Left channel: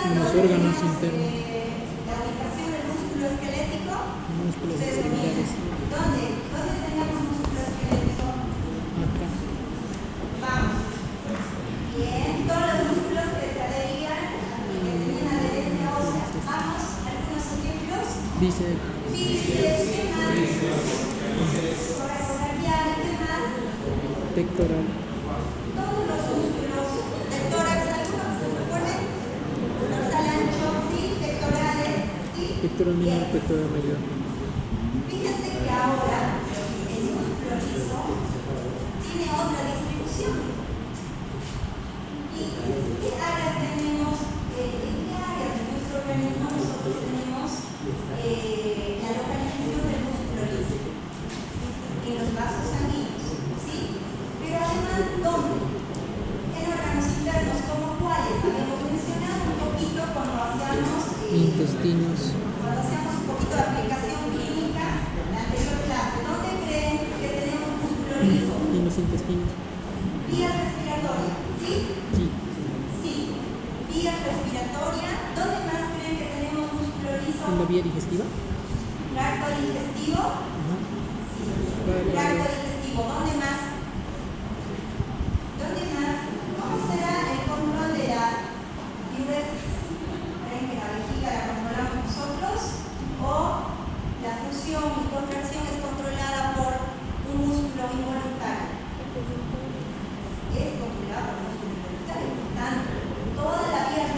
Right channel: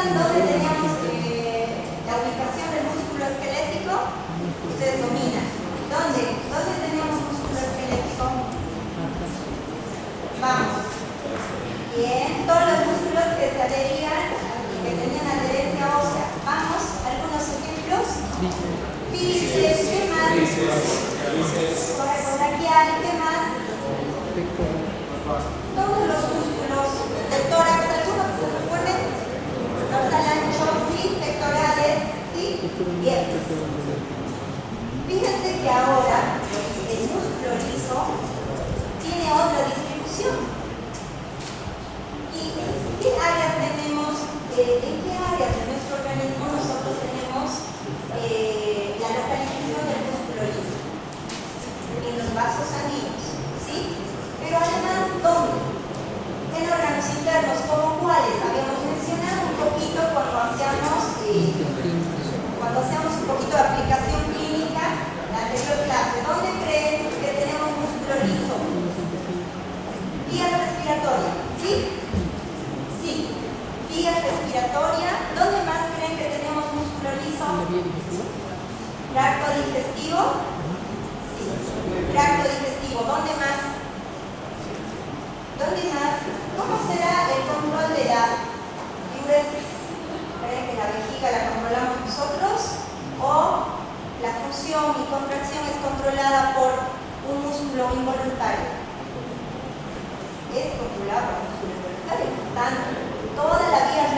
recuerdan dónde teníamos la ubicación del músculo esquelético? Ustedes dominan. ¿Dónde teníamos músculo esquelético? Vamos. Bien, todos los músculos que se adherían, que tenían adherencia ósea. Vamos, algunos ejemplos. Bíceps, ¿qué más? Braquial, ¿qué más? Pectoral. Todos los músculos del tórax, algunos que se recuerden, dorsal ancho, ¿sí? Pectorales, ¿sí? Bien. Fíjense que ahora el músculo liso tiene otra distribución. ¿Y qué áreas tenemos? ¿En qué áreas de nuestro organismo nosotros tenemos la localización del músculo liso? En los vasos sanguíneos, ¿sí? Pero además, ¿dónde? En órganos internos, ¿como cuáles? Habíamos mencionado un poquito cuando hacíamos un poquito de aplicación clínica en la anterior clase. ¿Dónde creen que tenemos músculo liso? En los intestinos. Vía respiratoria, ¿sí? Sí. Vía respiratoria. ¿Dónde más creen que tenemos músculo liso? En la vía digestiva. Tracto digestivo. Sí. Tracto digestivo. ¿Dónde más? ¿Dónde más? ¿Cómo será el control de la diuresis? ¿Creen que la vejiga la controlamos nosotros? ¿O la función y contracción es controlada por un músculo involuntario? Es controlada por un músculo involuntario. Por tanto, toda la vía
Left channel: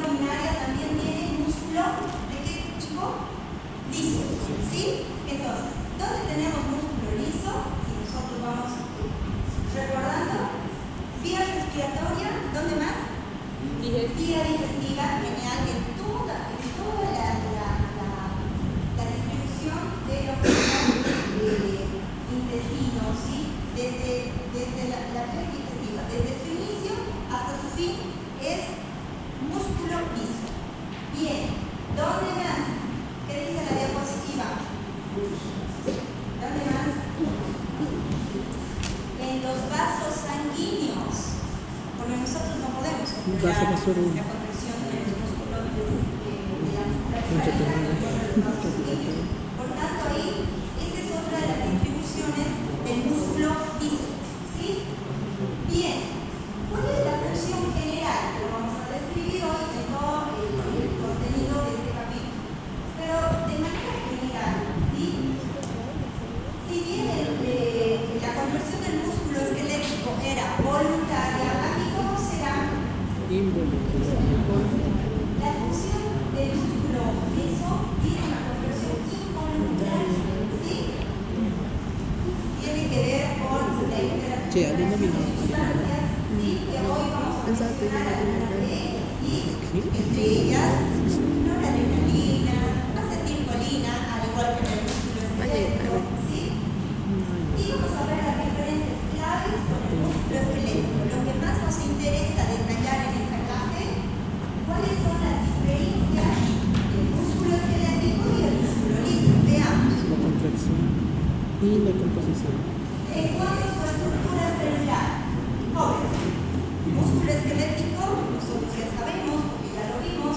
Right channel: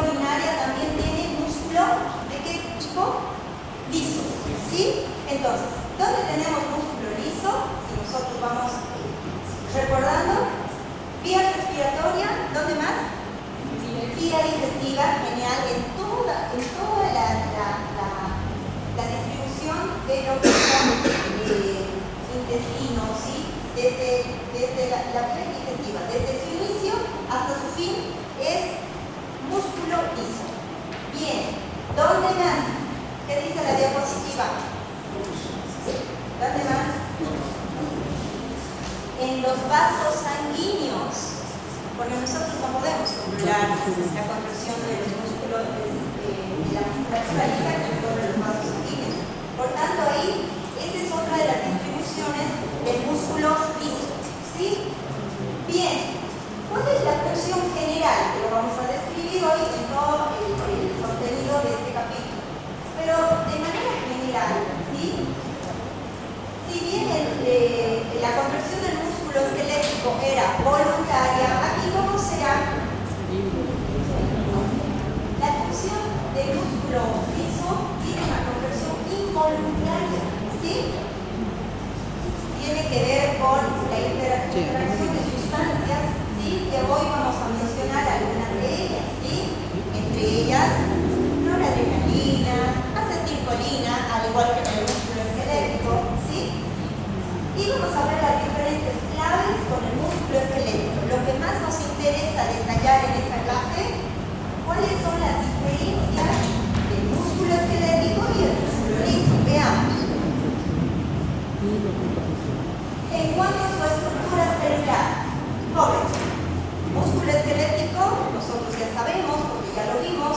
urinaria también tiene músculo ¿de qué tipo? Liso. ¿Sí? Entonces, ¿dónde tenemos músculo liso? Si nosotros vamos recordando, vía respiratoria, ¿dónde más? Vía digestiva, genial, en toda la distribución de lo que son intestinos, ¿sí? Desde la vía digestiva, desde su inicio hasta su fin, es músculo liso. Bien, ¿dónde más? ¿Qué dice la diapositiva? ¿Dónde más? En los vasos sanguíneos, porque nosotros no podemos controlar la contracción de los músculos de la musculatura lisa que recorre los vasos sanguíneos. Por tanto, ahí, esa es otra de las distribuciones del músculo liso. ¿Sí? Bien, ¿cuál es la función general? Que lo vamos a describir hoy en todo el contenido de este capítulo. Pero de manera general, ¿sí? Si bien la contracción del músculo esquelético era voluntaria, aquí ¿cómo será? La función del músculo liso tiene una contracción involuntaria, ¿sí? Tiene que ver con la interacción de sustancias, ¿sí? Que hoy vamos a mencionar algunas de ellas, ¿sí? Entre ellas, noradrenalina, acetilcolina, al igual que el músculo esquelético, ¿sí? Y vamos a ver las diferentes claves con el músculo esquelético. Lo que más nos interesa detallar en esta clase, ¿cuáles son las diferencias del músculo esquelético y el músculo liso? Veamos. En cuanto a su estructura celular, joven, músculo esquelético, nosotros ya sabemos, porque ya lo vimos,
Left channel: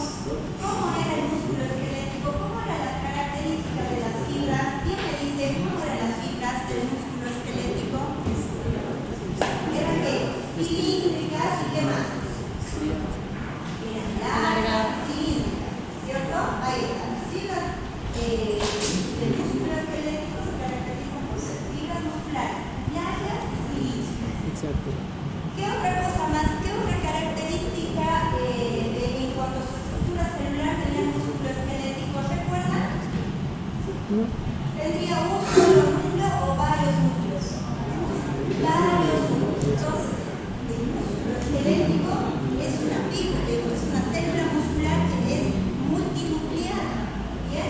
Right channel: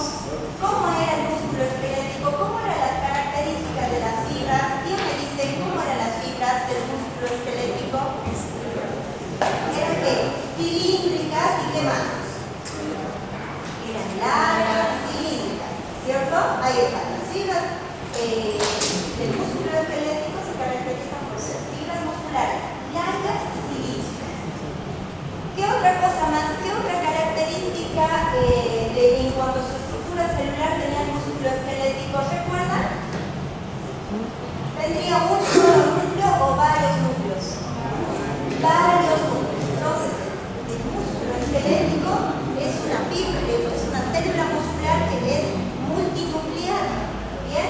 cómo era el músculo esquelético, cómo eran las características de las fibras. ¿Quién me dice cómo eran las fibras del músculo esquelético? Eran ¿qué? Cilíndricas y ¿qué más? Eran largas, cilíndricas, ¿cierto? Ahí están las fibras del músculo esquelético, se caracterizan por ser fibras musculares largas y cilíndricas. Exacto. ¿Qué otra cosa más? ¿Qué otra característica en cuanto a su estructura celular tenía el músculo esquelético? ¿Recuerdan? ¿Tendría un solo núcleo o varios núcleos? Varios núcleos. Entonces, el músculo esquelético es una fibra, es una célula muscular que es multinuclear. ¿Bien?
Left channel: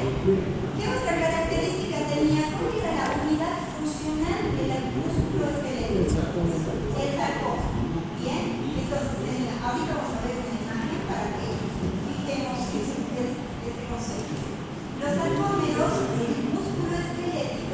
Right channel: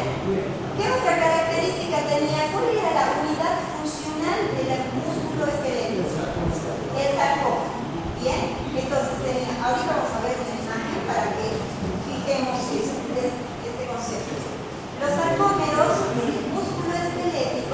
¿Qué otra característica tenía? ¿Cuál era la unidad funcional del músculo esquelético? El sarcómero. Bien, entonces ahorita vamos a ver una imagen para que fijemos este concepto. Los sarcómeros del músculo esquelético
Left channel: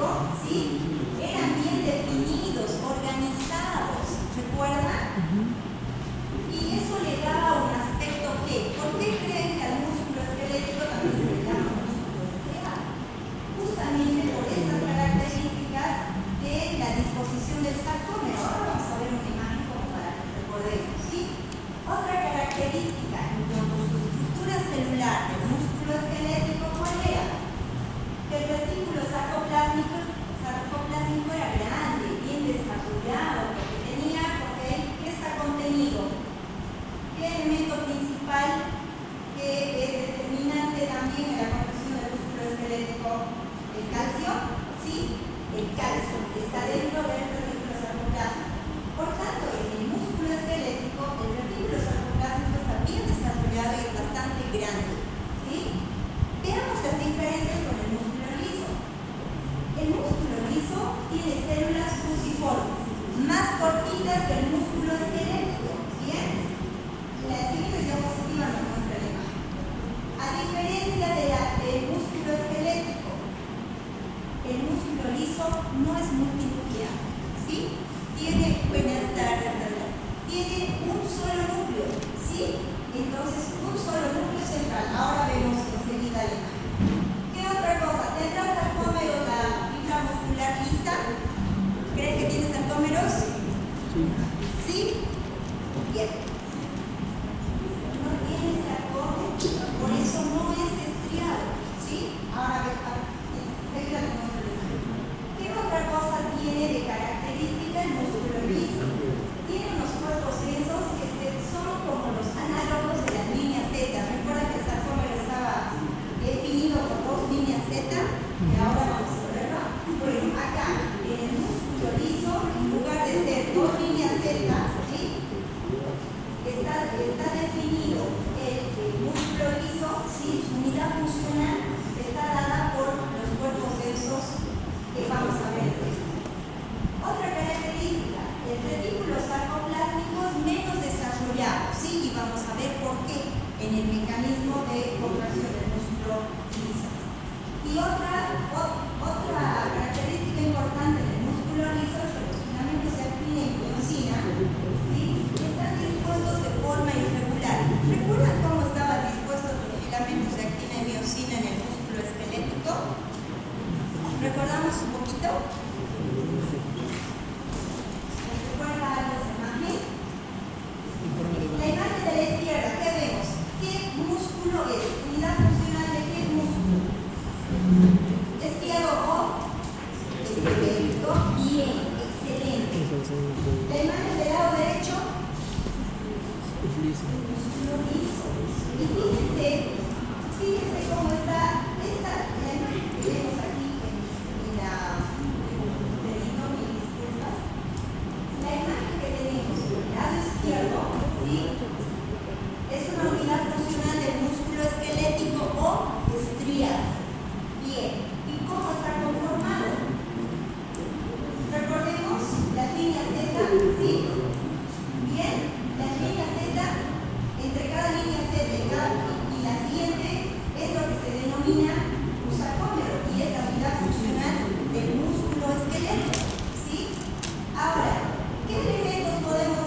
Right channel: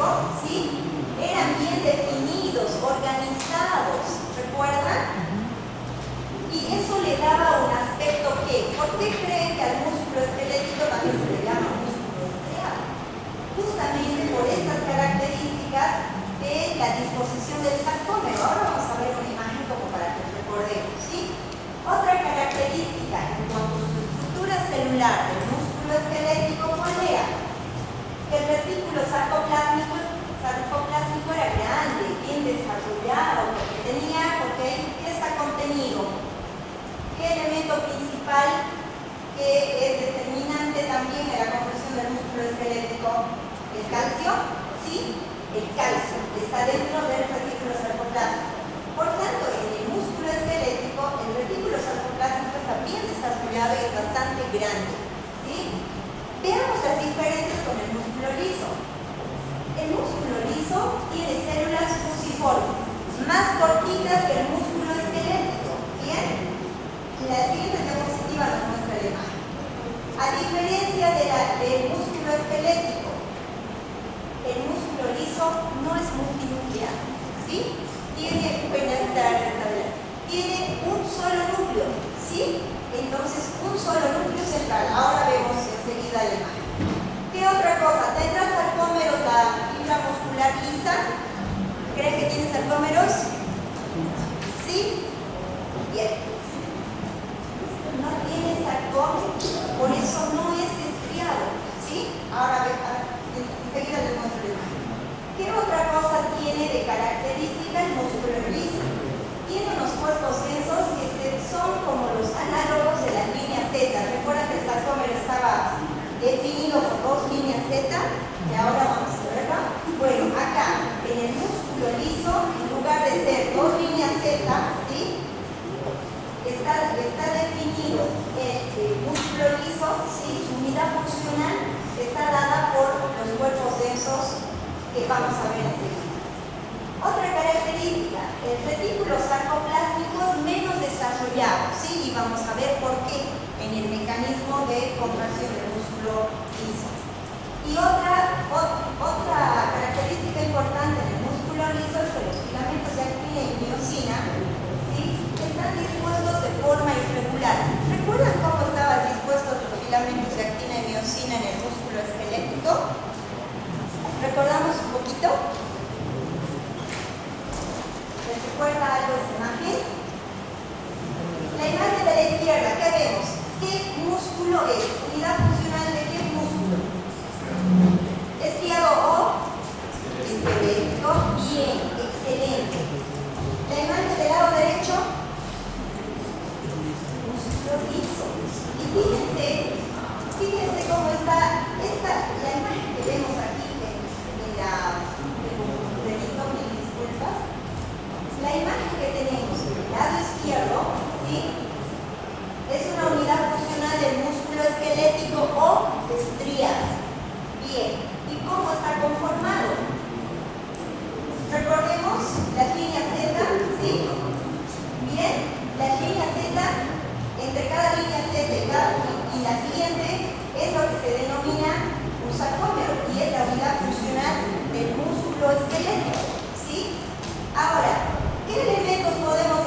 que es determinante también en la construcción del músculo esquelético, el calcio, ¿sí? El calcio está dentro del retículo sarcoplástico. Por tanto, en el músculo esquelético, el retículo sarcoplástico está bien desarrollado y es bastante grande, ¿sí? Veamos las diferencias con el músculo liso. El músculo liso tiene células fusiformes, más cortitas que el músculo esquelético, ¿bien? La siguiente diapositiva nos muestra la imagen. A diferencia del músculo esquelético, el músculo liso no es multinuclear, ¿sí? Tiene un solo núcleo, ¿sí? Entonces, un solo núcleo central. Ahora vemos enseguida la imagen. ¿Qué otra cosa? ¿Tendrá sarcómeros la fibra muscular lisa? ¿Creen que tiene sarcómeros? ¿Sí? Bien. No tiene sarcómeros, por eso no es estriado, ¿sí? Ahora enseguida les muestro la imagen. ¿Qué otra cosa tiene de característica el músculo liso? Tiene unos cuerpos densos que son como los análogos de la línea Z. Recuerdan que el sarcómero estaba definido por dos líneas Z y ahora vamos a verlo. Bueno, acá en el músculo liso, en lugar de ser dos líneas Z, ¿sí? Está definido el músculo liso, ¿sí? Su unidad funcional está dada por los cuerpos densos que vamos a ver enseguida. Otra característica, el retículo sarcoplástico es menos desarrollado, ¿sí? Y vamos a ver por qué en el mecanismo de contracción del músculo liso. Y otra característica importante del músculo liso es que los filamentos de actina y miosina, ¿sí? Están dispuestos de forma irregular. ¿Recuerdan cómo estaban dispuestos los filamentos de actina y miosina en el músculo esquelético? ¿Recordamos un poquito? ¿Les recuerda algo esa imagen? La imagen de la izquierda, ¿qué vemos? ¿Qué músculo es? ¿Unidad funcional de qué músculo? ¿Estriado o esquelético? Bien, excelente. La imagen del lado derecho, músculo liso. Y fíjense cómo está la imagen que vemos aquí en la imagen que tenemos en el lado izquierdo, ¿sí? Es una unidad funcional del músculo esquelético o estriado. Bien, ¿y cómo está conformado? Recordemos las líneas Z, ¿sí? Bien, las líneas Z, entre cada línea Z y la siguiente es lo que se denomina un sarcómero y es la unidad funcional del músculo esquelético, ¿sí? Ahora, ¿qué elementos podemos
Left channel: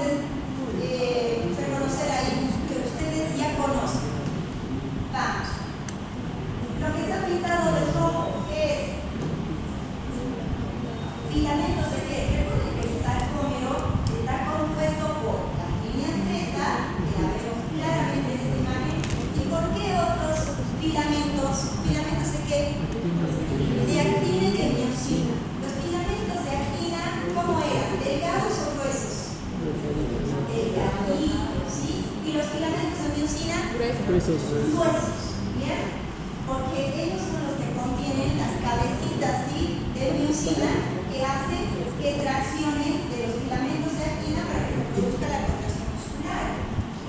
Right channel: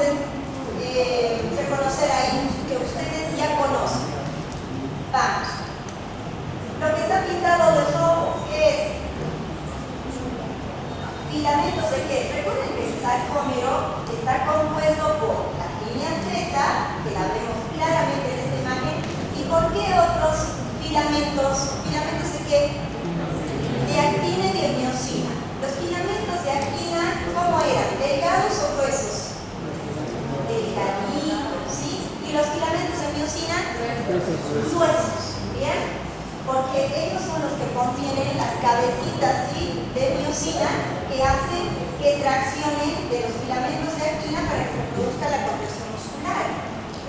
reconocer ahí que ustedes ya conocen? Vamos. Lo que está pintado de rojo es filamentos de qué? Recuerden que el sarcómero está compuesto por la línea Z, que la vemos claramente en esta imagen, y por qué otros filamentos. ¿Filamentos de qué? De actina y de miosina. Los filamentos de actina, ¿cómo eran? ¿Delgados o gruesos? Delgaditos, ¿sí? Y los filamentos de miosina, gruesos, ¿bien? Porque ellos son los que contienen las cabecitas, ¿sí? De miosina que hacen que traccionen de los filamentos de actina para que se produzca la contracción muscular.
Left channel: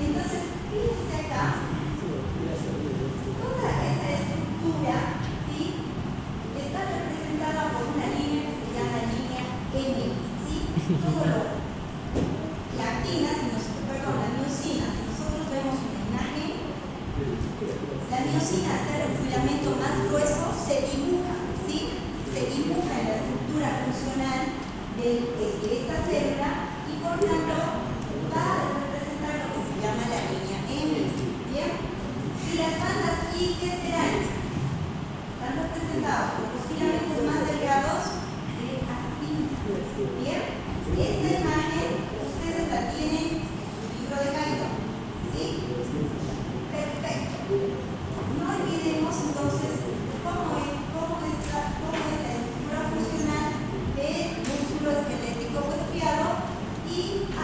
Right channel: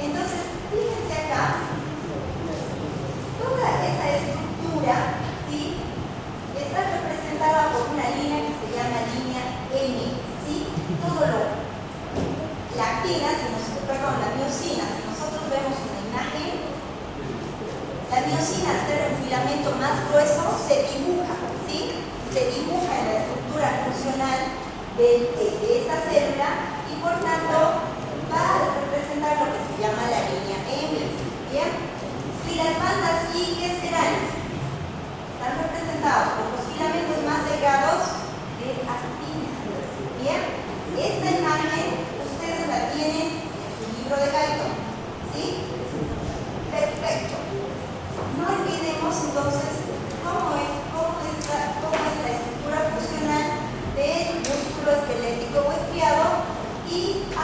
Entonces, fíjense acá, toda esa estructura, ¿sí? Está representada por una línea que se llama línea M, ¿sí? La actina, la miosina, si nosotros vemos una imagen, la miosina, al ser el filamento más grueso, se dibuja, ¿sí? Se dibuja en la estructura funcional de esta célula y por tanto va a representar lo que se llama la línea M, ¿bien? Y las bandas I, ¿qué serán? Están representados por los filamentos más delgados de actina, ¿bien? Esta imagen ustedes la tienen en su libro de Guyton, ¿sí? Perfecto. No olvidemos entonces cómo es la estructura funcional del músculo esquelético o estriado y a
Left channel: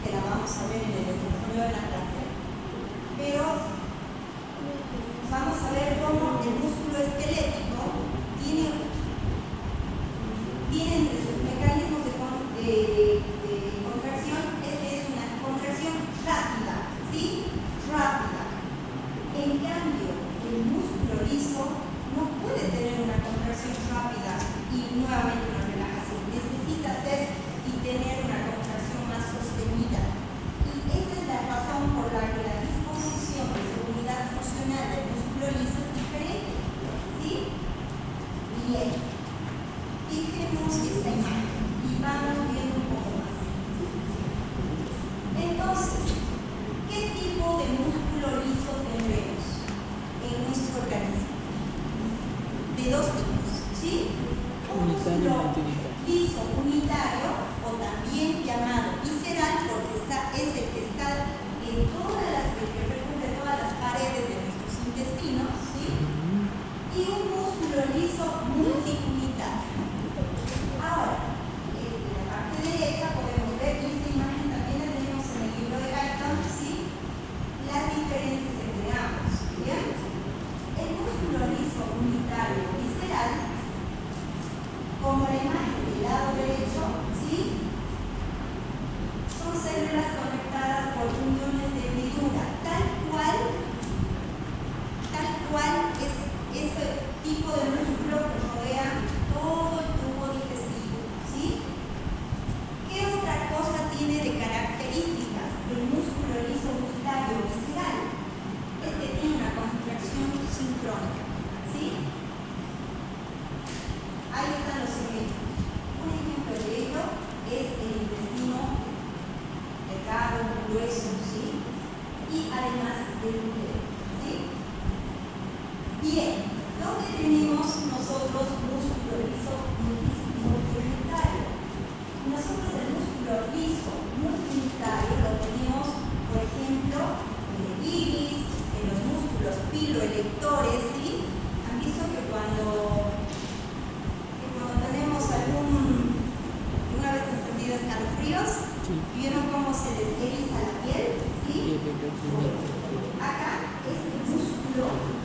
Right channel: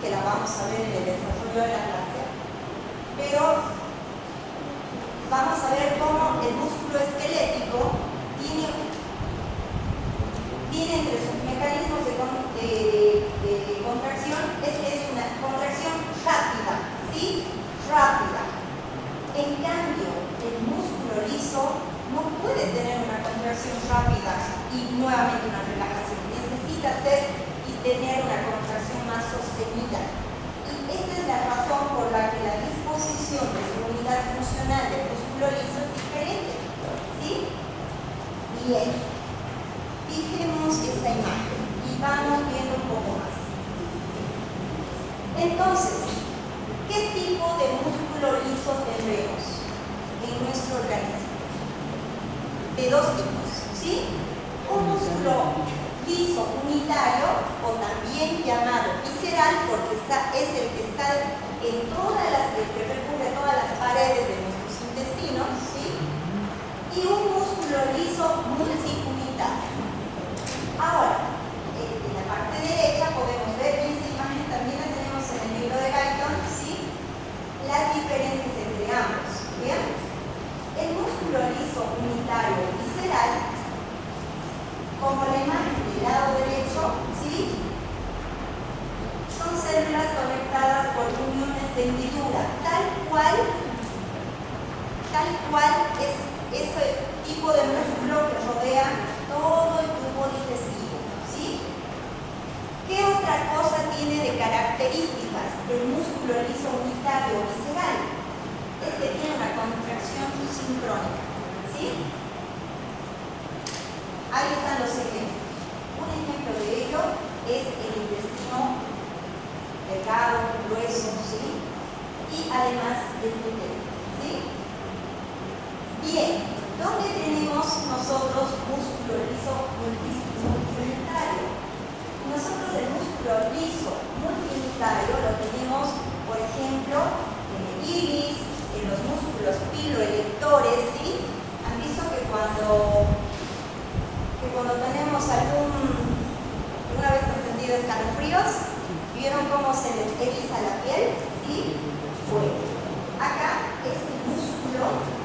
que la vamos a ver en el desarrollo de la clase, pero vamos a ver cómo el músculo esquelético tiene entre sus mecanismos de contracción es una contracción rápida, ¿sí? Rápida. En cambio, el músculo liso no puede tener una contracción rápida y nuevamente una relajación. Necesita hacer y tener una contracción más sostenida. Y esta es la razón por la que la disposición de su unidad funcional del músculo liso es diferente, ¿sí? Bien. Fijemos esta imagen y vamos viendo un poco más. Entonces, ¿qué tipo de músculo liso tenemos en nuestro organismo? De dos tipos, ¿sí? Un músculo liso unitario, o también llamado visceral, porque es el que está en el que recubre todas las paredes de nuestros intestinos, ¿sí? Y un músculo liso multiunitario. Ahora, en la parte derecha podemos ver, y esta imagen también la tenemos en el libro de Guyton, ¿sí? Las diferencias entre ambos, ¿bien? El músculo liso unitario visceral, como la imagen del lado derecho, ¿sí? Son células conectadas por uniones de hendidura, tal cual es ese tipo de músculo que rodea todo el tubo digestivo, ¿sí? ¿Qué otra cosa tiene de características el músculo liso unitario visceral? Es que tiene una contracción sincrónica, ¿sí? Ahí están los ejemplos. Un ejemplo de ello es el intestino delgado, grueso, ¿sí? Y además el glúteo, ¿sí? Bien, ¿dónde tenemos nosotros músculo liso multiunitario? Nosotros el músculo liso multiunitario lo tenemos, por ejemplo, en el iris, en los músculos piloelectores, ¿sí? Han visto que cuando tenemos una vez encendido escalofríos, ¿vieron cómo se les eriza la piel? ¿Sí? Bueno, acá es el músculo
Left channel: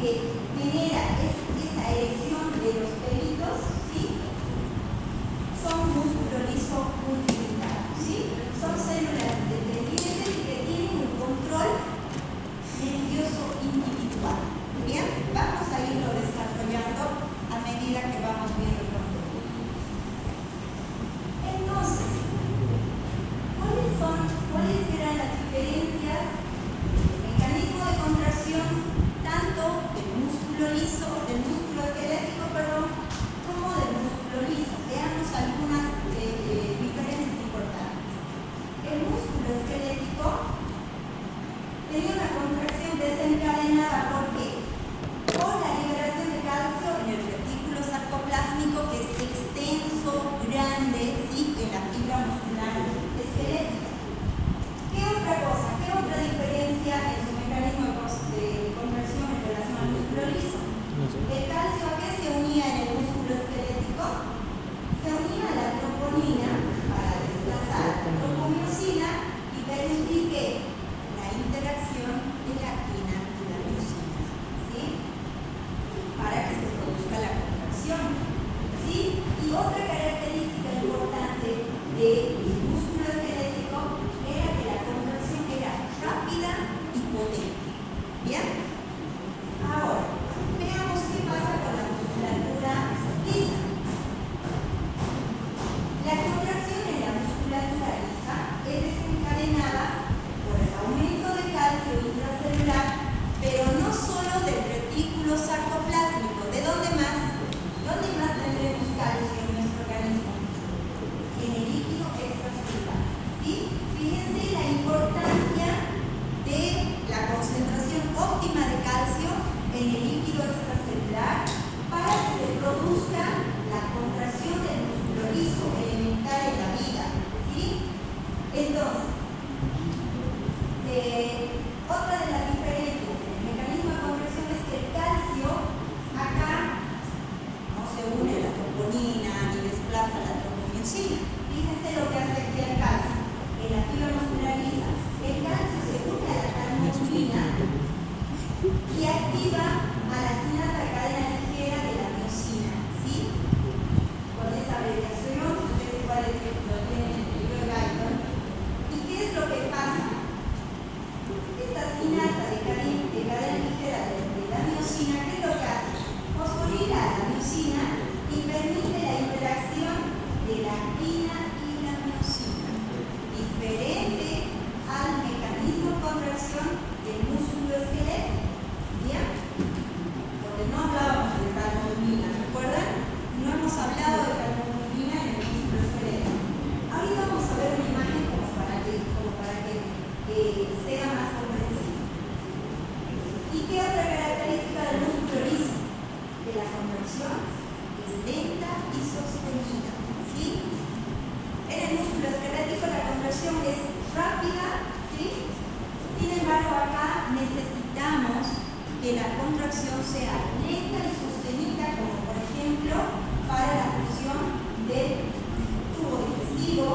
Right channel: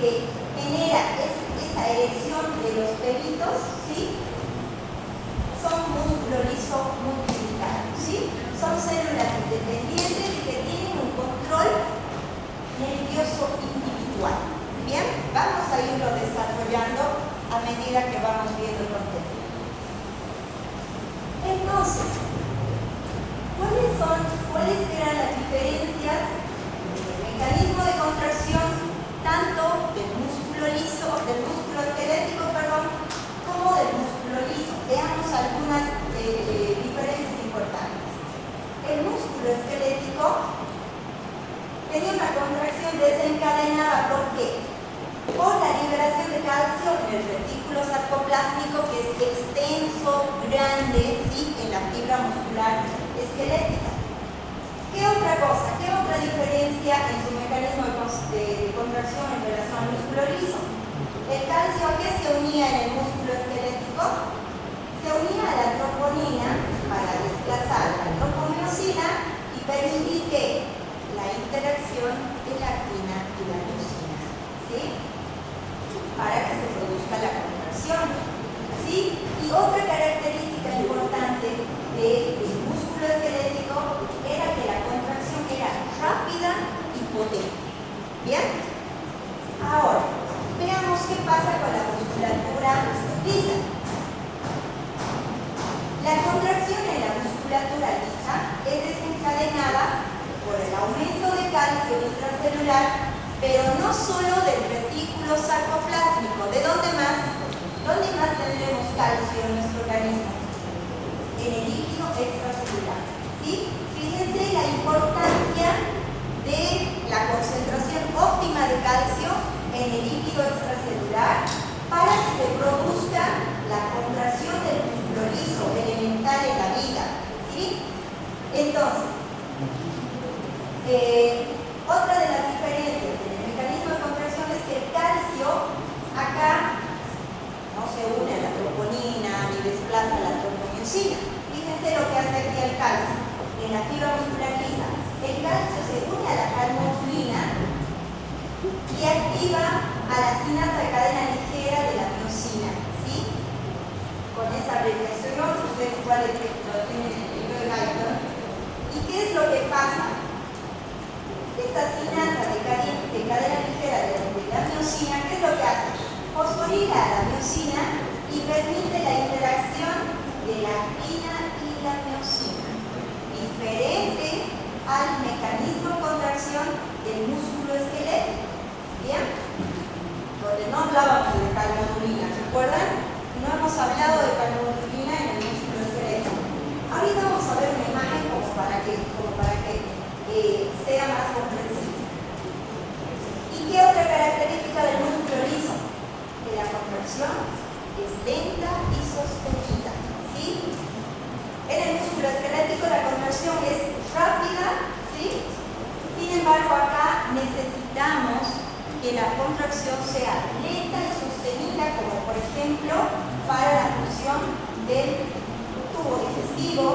que genera esa erección de los pelitos, ¿sí? Son músculo liso multiunitario, ¿sí? Son células independientes que tienen un control nervioso individual. Bien, vamos a irlo desarrollando a medida que vamos viendo el contenido. Entonces, ¿cuáles eran las diferencias del mecanismo de contracción tanto del músculo esquelético, como del músculo liso? Veamos algunas diferencias importantes. El músculo esquelético tenía una contracción desencadenada, ¿por qué? Por la liberación de calcio en el retículo sarcoplásmico, que es extenso, grande, ¿sí? En la fibra muscular esquelética. ¿Qué otra cosa? ¿Qué otra diferencia en su mecanismo de contracción en relación al músculo liso? El calcio, ¿a qué se unía en el músculo esquelético? Se unía a la troponina para desplazar la troponiosina y permitir que la interacción de la actina y la miosina, ¿sí? Para que se produzca la contracción, ¿sí? Y otra característica importante del músculo esquelético era que la contracción era rápida y potente. ¿Bien? Ahora, veamos qué pasa con la musculatura lisa. La contracción en la musculatura lisa es desencadenada por el aumento de calcio intracelular, pero no solo del retículo sarcoplásmico. ¿De dónde más? ¿Dónde más tendremos calcio en nuestro organismo? En el líquido extracelular, ¿sí? Fíjense la importancia de la concentración óptima de calcio en el líquido extracelular para que se produzca la contracción del músculo liso elemental en la vida, ¿sí? Entonces, otra de las diferencias en el mecanismo de contracción es que el calcio acá no se une a la troponina ni desplaza la troponiosina. Fíjense lo que hace aquí el calcio. En la fibra embargo, acá necesitamos que la contracción sea lenta y sostenida, como por ejemplo para la función del tubo digestivo,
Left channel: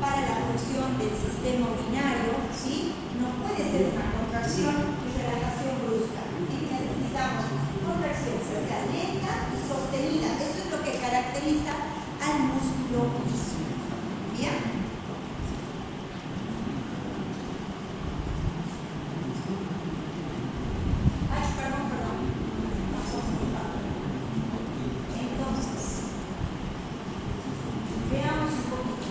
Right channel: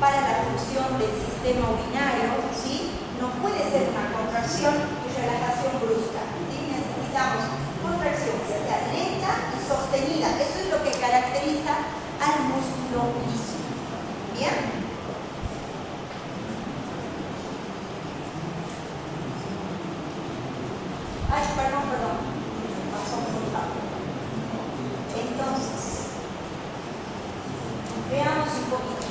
para la función del sistema urinario, ¿sí? No puede ser una contracción y relajación brusca, ¿sí? Necesitamos contracción que sea lenta y sostenida. Eso es lo que caracteriza al músculo liso. ¿Bien? Ay, perdón. Pasó muy rápido. Entonces, veamos un poquito.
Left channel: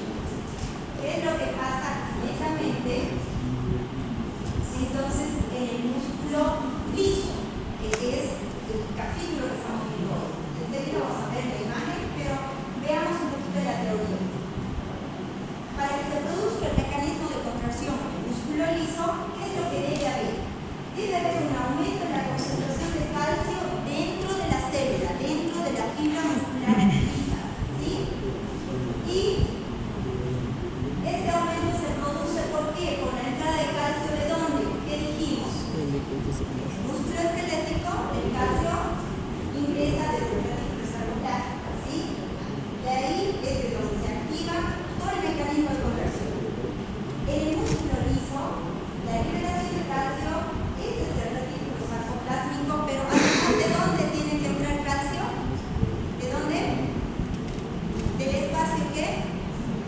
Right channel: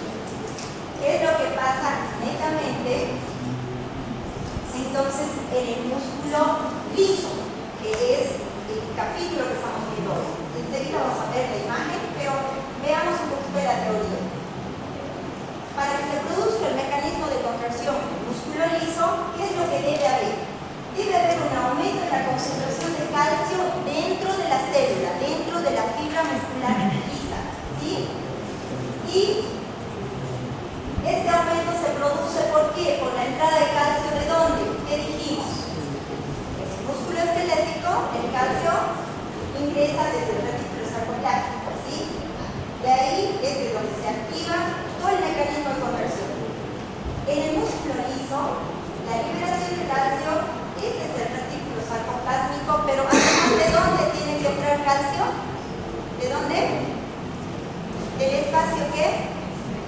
¿Qué es lo que pasa netamente? Entonces, en el músculo liso, que es el capítulo que estamos viendo hoy. Enseguida vamos a ver la imagen, pero veamos un poquito de la teoría. Para que se produzca el mecanismo de contracción del músculo liso, ¿qué es lo que debe haber? Debe haber un aumento en la concentración de calcio dentro de la célula, dentro de la fibra muscular lisa, ¿sí? Y este aumento se produce ¿por qué? Por la entrada de calcio ¿de dónde? ¿Qué dijimos? El músculo esquelético, el calcio ingresa desde el retículo sarcoplástico, ¿sí? De ahí es de donde se activa todo el mecanismo de contracción. En el músculo liso, la liberación de calcio es desde el retículo sarcoplásmico, pero además ¿de dónde tiene que entrar calcio? ¿De dónde? Del espacio que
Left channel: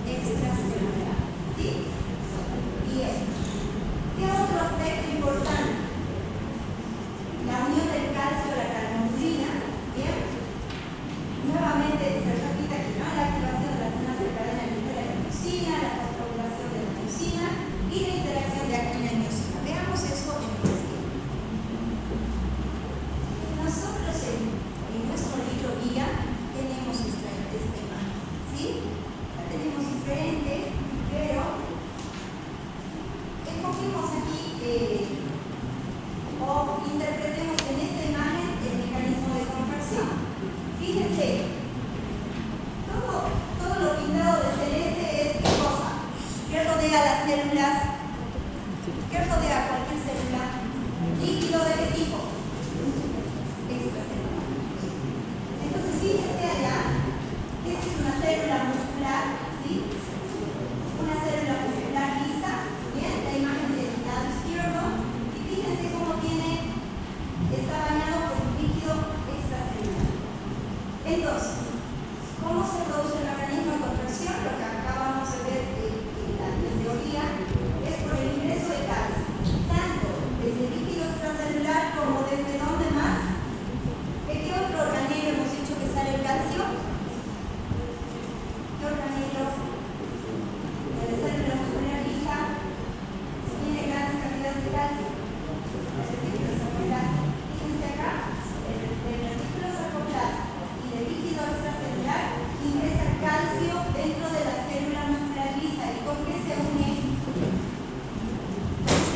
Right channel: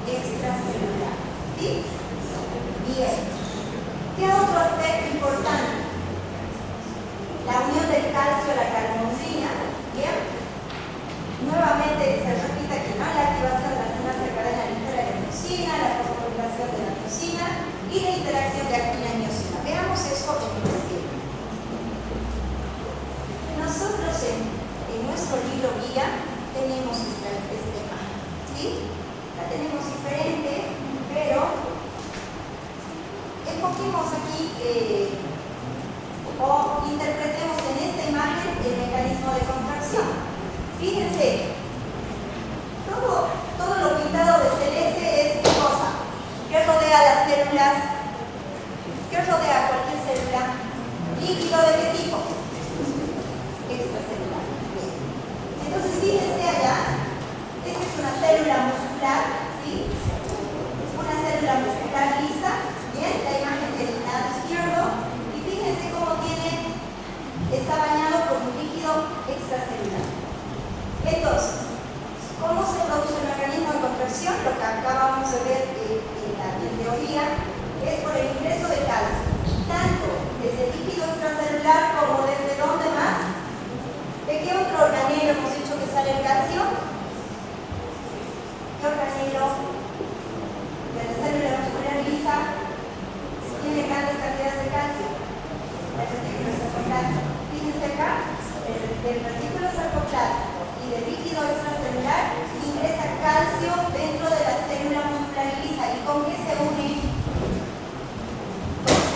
extracelular, ¿sí? Bien. ¿Qué otro aspecto importante? La unión del calcio a la carnosina, ¿bien? Nuevamente se repite aquí, ¿no? La activación de la enzimas de cadena ligera de miosina, la fosforilación de la miosina y la interacción de actina y miosina. Veamos eso en detalle. Nosotros en nuestro libro guía tenemos esta imagen, ¿sí? La tenemos diferente, pero enfoquemos aquí o interpretemos en esta imagen el mecanismo de contracción. Fíjense, todo lo pintado de celeste es ¿qué cosa? ¿Qué rodea las células? ¿Qué rodea cualquier célula? ¿Líquido de qué tipo? Extracelular. Entonces fíjense allá, esta es una célula